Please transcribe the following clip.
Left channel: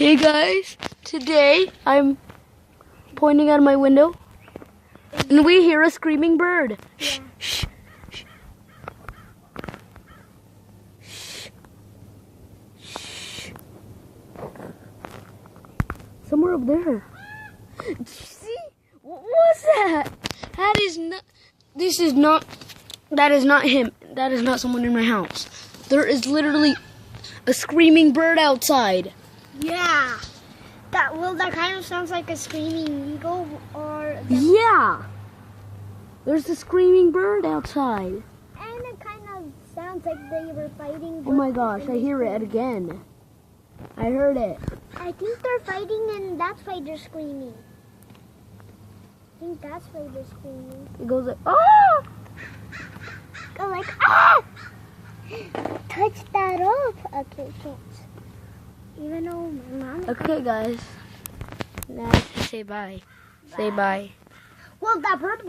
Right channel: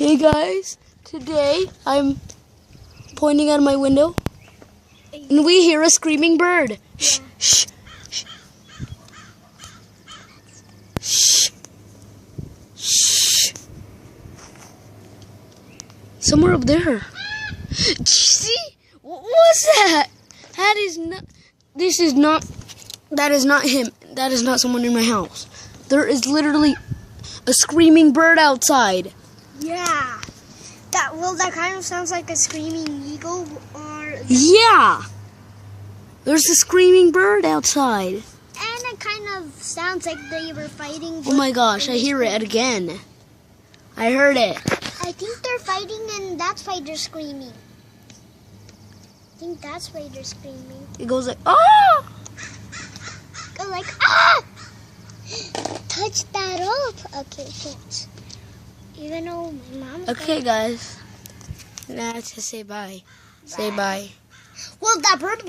Okay guys, today I'm pointing out my window and we hear a screaming bird. Shh, shh, shh, shh. Somewhere up there. See? What was that? That is not him. That is not someone in my house. There is literally a screaming bird outside. Yeah. That kind of sounds like a screaming eagle or... Yeah. There's a screaming bird outside. And it kind of sounds like they were fighting. Oh my gosh, I hear it again. I heard it. I think they're fighting and that's why they're screaming. I think that's why they're screaming. It goes like, oh! Go like, ah! Touch that up. Okay, can't. Even though my mom... Okay, guys. Now to say bye. Say bye. Well, that bird